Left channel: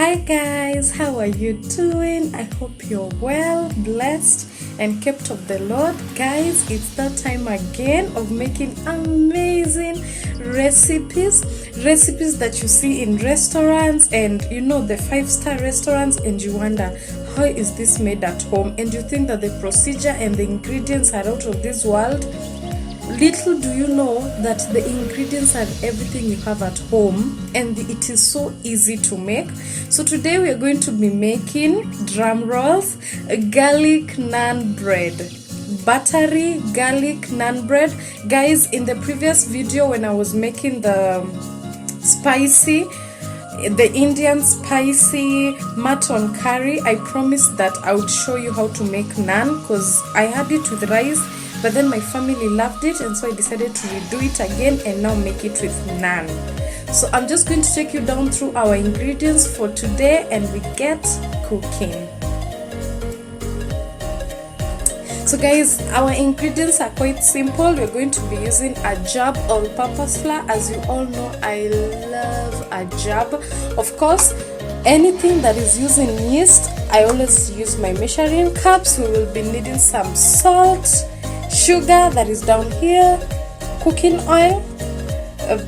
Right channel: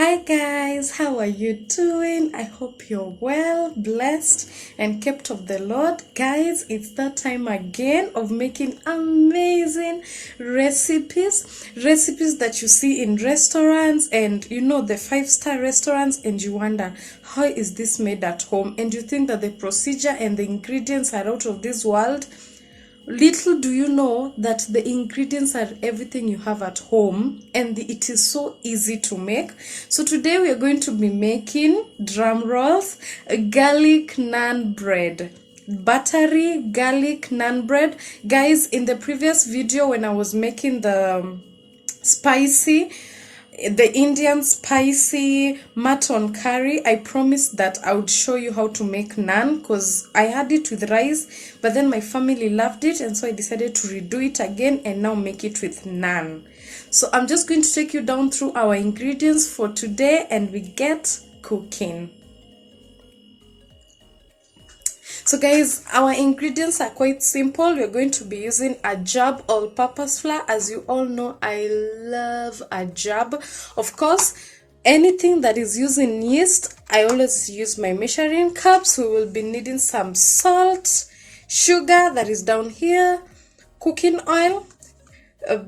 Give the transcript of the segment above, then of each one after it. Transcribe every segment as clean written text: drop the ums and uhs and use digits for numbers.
Hi guys, how are you doing? I hope you're well, blessed and kept of the Lord. Guys, it's that time again of making amazing recipes that you see in restaurants and the 5-star restaurants, and you wonder, how is this made at home? And you think that the procedure and the ingredients are out of this world. Little do you know that the ingredients are everything you have at home, and it is so easy to make. So today we are going to be making, drum rolls, garlic naan bread. Buttery garlic naan bread. Guys, in the previous video when I was making the Indian spicy mutton curry, I promised that I would show you how to make naan because I had it with rice, but then my family loved it, and so I decided to redo it again and now make it with naan. So I'm just going to take you down through our ingredients for today and we get cooking. So guys, our ingredients are quite simple. We're going to be using a jab all-purpose flour. As you all know, I love a jab. Of course, anything that is using yeast, I always use my measuring cups. We will be needing some salt, sugar that is down here, cooking oil,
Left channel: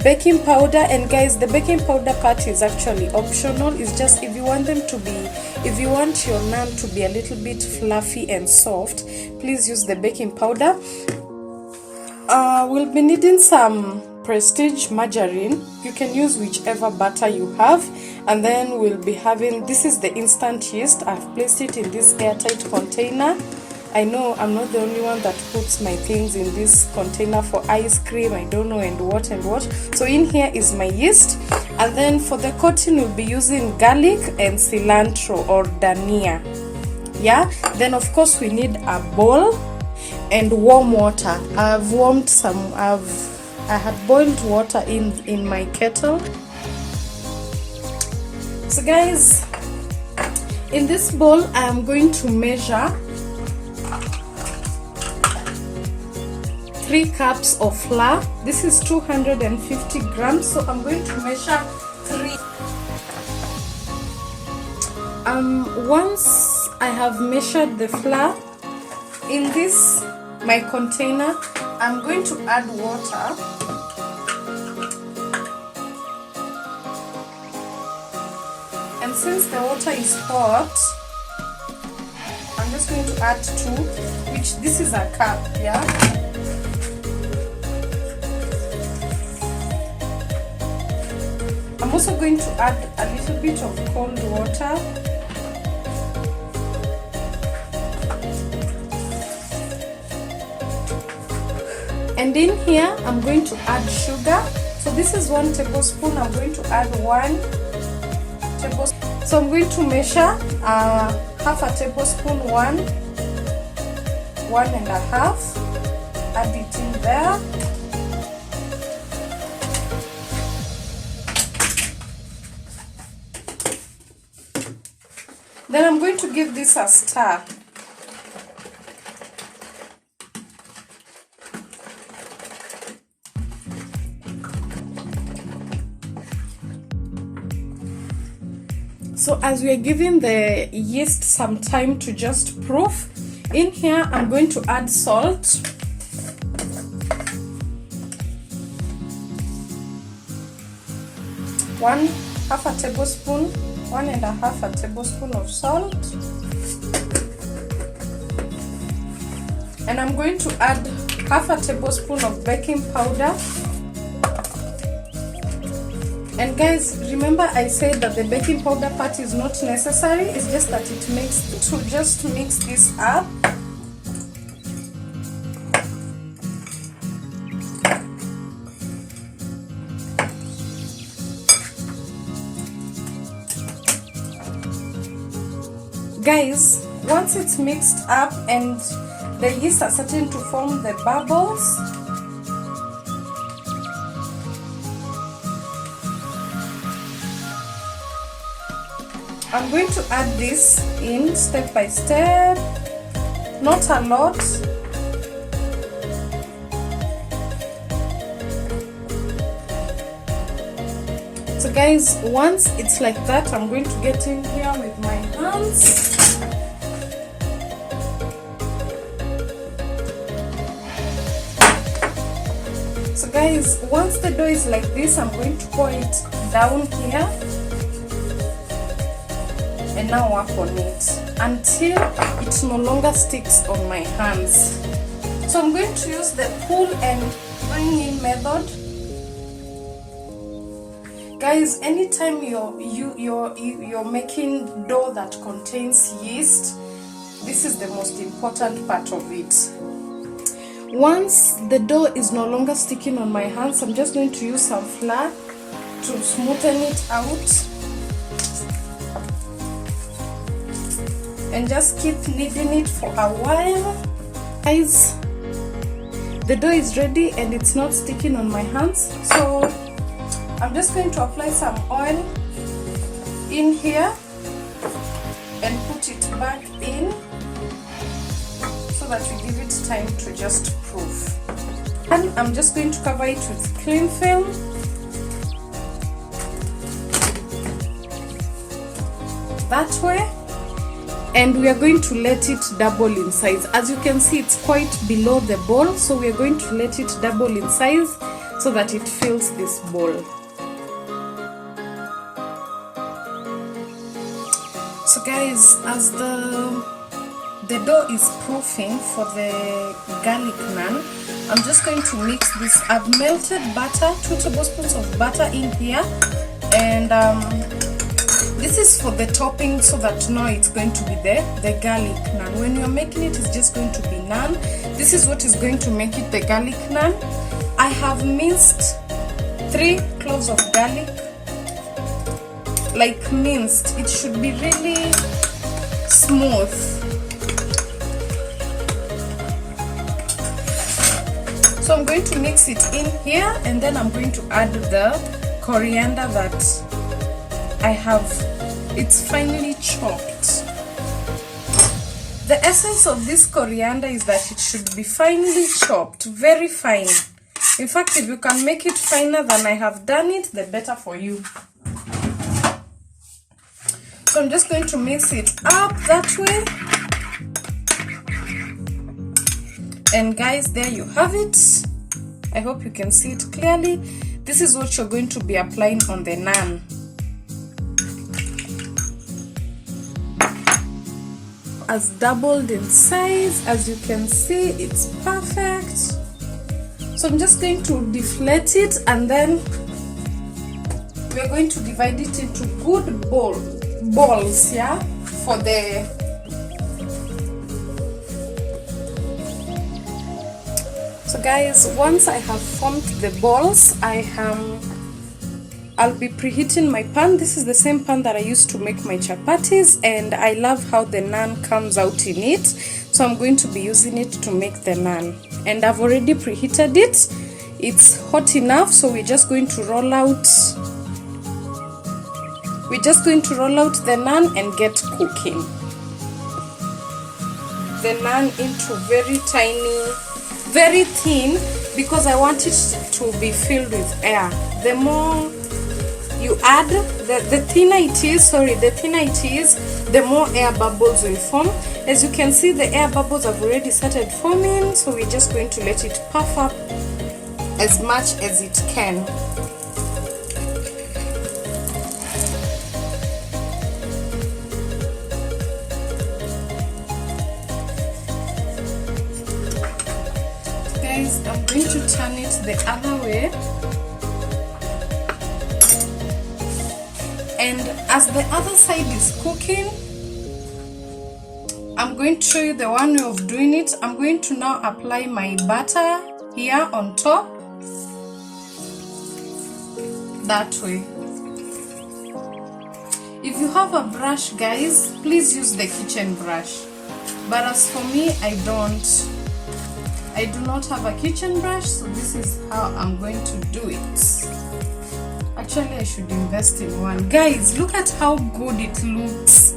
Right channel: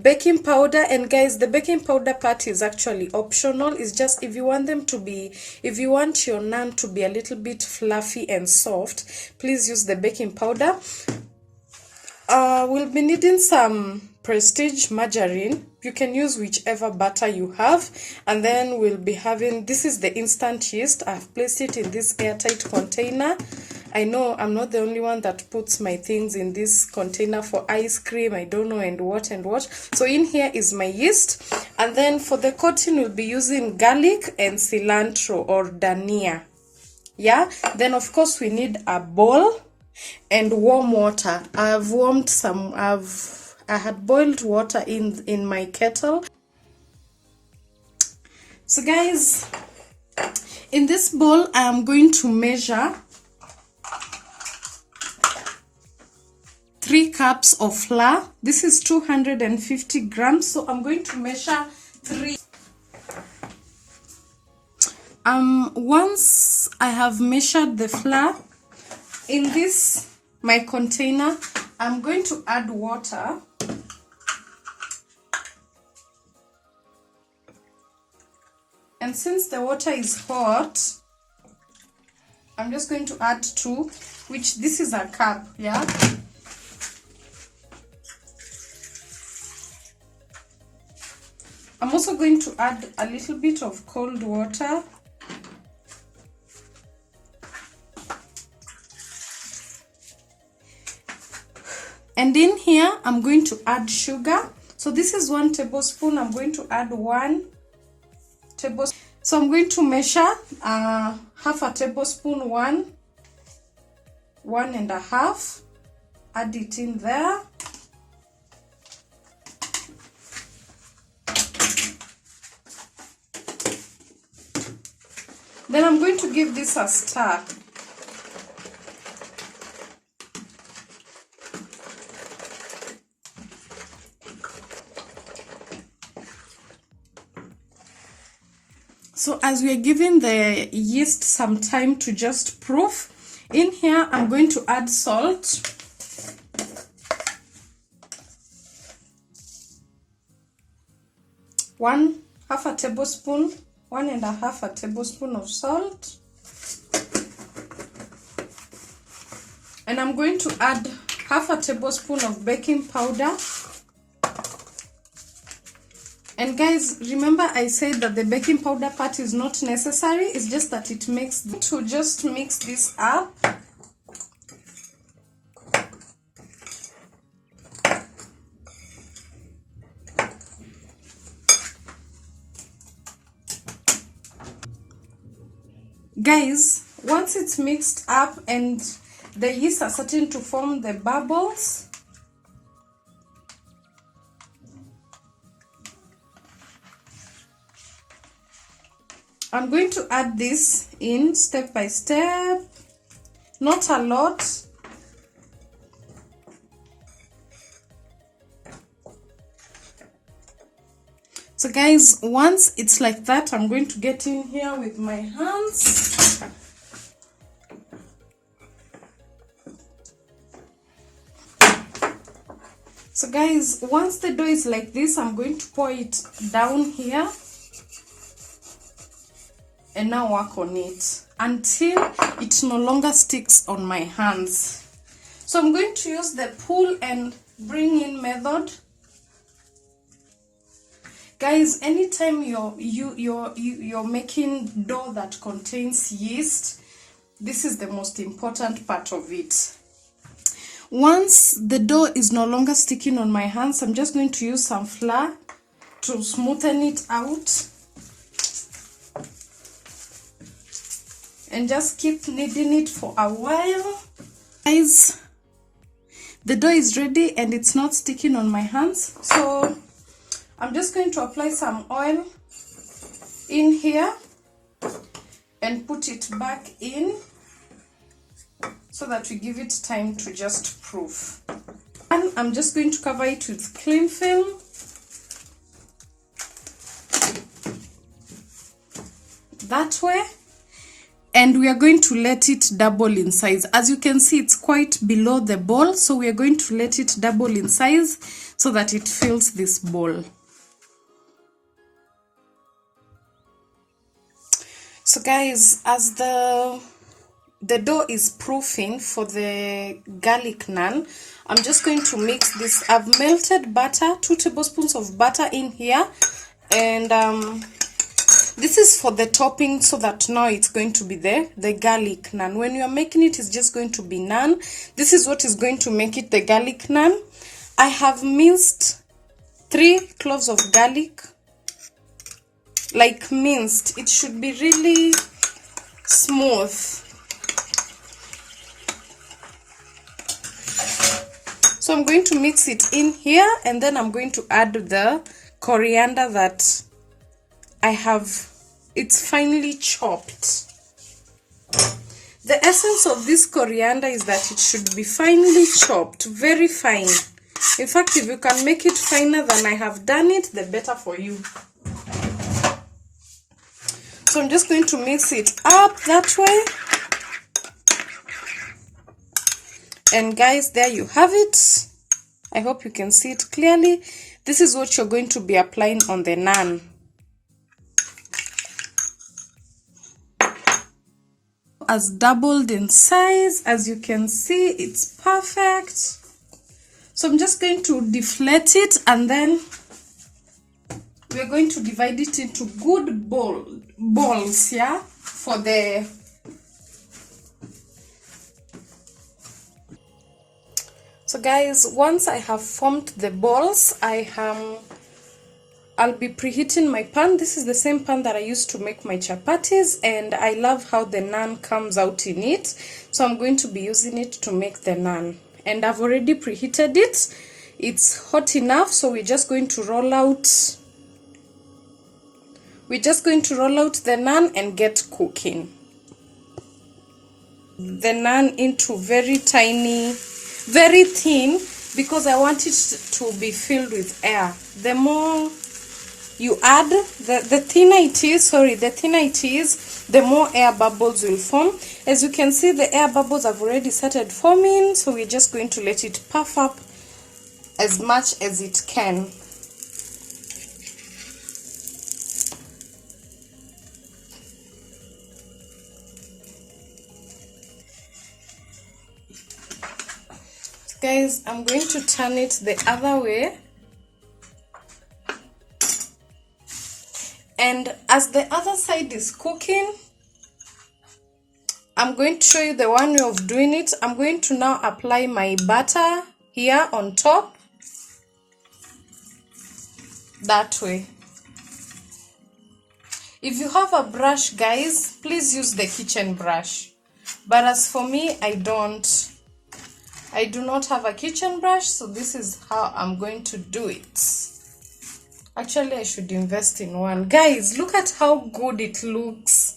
baking powder. And guys, the baking powder part is actually optional. It's just if you want your naan to be a little bit fluffy and soft, please use the baking powder. We'll be needing some Prestige margarine. You can use whichever butter you have. And then we'll be having, this is the instant yeast. I've placed it in this airtight container. I know I'm not the only one that puts my things in this container for ice cream, I don't know, and what. So in here is my yeast. And then for the coating, we'll be using garlic and cilantro or dhania. Yeah, then of course we need a bowl and warm water. I had boiled water in my kettle. So guys, in this bowl I am going to measure 3 cups of flour. This is 250 grams, so I'm going to measure 3. Once I have measured the flour in this my container, I'm going to add water. And since the water is hot, I'm just going to add 2, which this is a cup, yeah. I'm also going to add a little bit of cold water. And in here, I'm going to add sugar. So this is 1 tablespoon. I'm going to add 1 tablespoon. So I'm going to measure half a tablespoon, 1.5. Add it in there. Then I'm going to give this a stir. So as we are giving the yeast some time to just proof, in here I'm going to add salt. Half a tablespoon, 1.5 tablespoon of salt. And I'm going to add half a tablespoon of baking powder. And guys, remember I said that the baking powder part is not necessary, it's just that it makes to just mix this up. Guys, once it's mixed up and the yeast are starting to form the bubbles, I'm going to add this in step by step, not a lot. So guys, once it's like that, I'm going to get in here with my hands. So guys, once the dough is like this, I'm going to pour it down here and now work on it until it no longer sticks on my hands. So I'm going to use the pull and bring in method. Guys, anytime you're making dough that contains yeast, this is the most important part of it. Once the dough is no longer sticking on my hands, I'm just going to use some flour to smoothen it out and just keep kneading it for a while. Guys, the dough is ready and it's not sticking on my hands, so I'm just going to apply some oil in here and put it back in so that we give it time to just proof. And I'm just going to cover it with cling film. That way. And we are going to let it double in size. As you can see, it's quite below the bowl, so we are going to let it double in size so that it fills this bowl. So guys, as the dough is proofing for the garlic naan, I'm just going to mix this. I've melted butter, 2 tablespoons of butter in here, and this is for the topping, so that now it's going to be the garlic naan. When you're making it, it's just going to be naan. This is what is going to make it the garlic naan. I have minced 3 cloves of garlic, like minced. It should be really smooth. So I'm going to mix it in here, and then I'm going to add the coriander that I have. It's finely chopped. The essence of this coriander is that it should be finely chopped, very fine. In fact, if you can make it finer than I have done it, the better for you. So I'm just going to mix it up that way. And guys, there you have it. I hope you can see it clearly. This is what you're going to be applying on the naan. Has doubled in size. As you can see, it's perfect. So I'm just going to deflate it, and then we are going to divide it into good balls, yeah, for the so guys, once I have formed the balls, I'll be preheating my pan. This is the same pan that I used to make my chapatis, and I love how the naan comes out in it, so I'm going to be using it to make the naan. And I've already preheated it. It's hot enough, so we're just going to roll out the naan and get cooking. The naan into very tiny, very thin, because I want it to be filled with air. The more you add, the thinner it is, the more air bubbles will form. As you can see, the air bubbles have already started forming, so we're just going to let it puff up as much as it can. Guys, I'm going to turn it the other way, and as the other side is cooking, I'm going to show you the one way of doing it. I'm going to now apply my butter here on top, that way. If you have a brush, guys, please use the kitchen brush, but as for me, I do not have a kitchen brush, so this is how I'm going to do it. Actually, I should invest in one. Guys, look at how good it looks.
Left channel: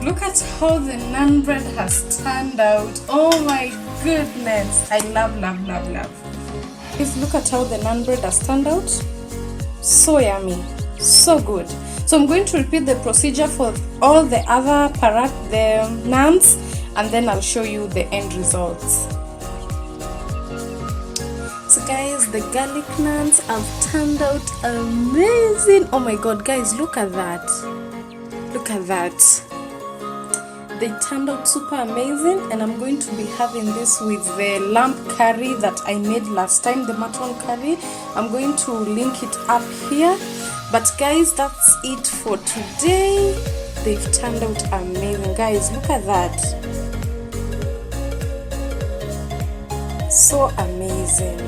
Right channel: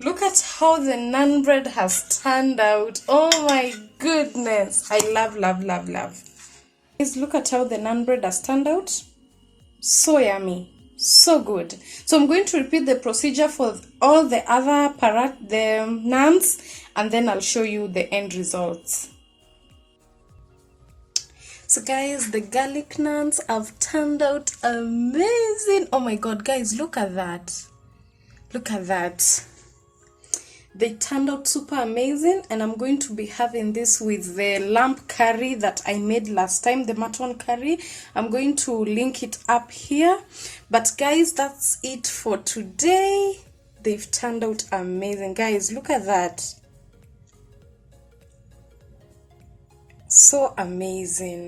Look at how the naan bread has turned out. Oh my goodness. I love. Guys, look at how the naan bread has turned out. So yummy, so good. So I'm going to repeat the procedure for all the other the naans, and then I'll show you the end results. So guys, the garlic naans have turned out amazing. Oh my god, guys, look at that. Look at that. They turned out super amazing, and I'm going to be having this with the lamb curry that I made last time, the mutton curry. I'm going to link it up here. But guys, that's it for today. They've turned out amazing. Guys, look at that. So amazing.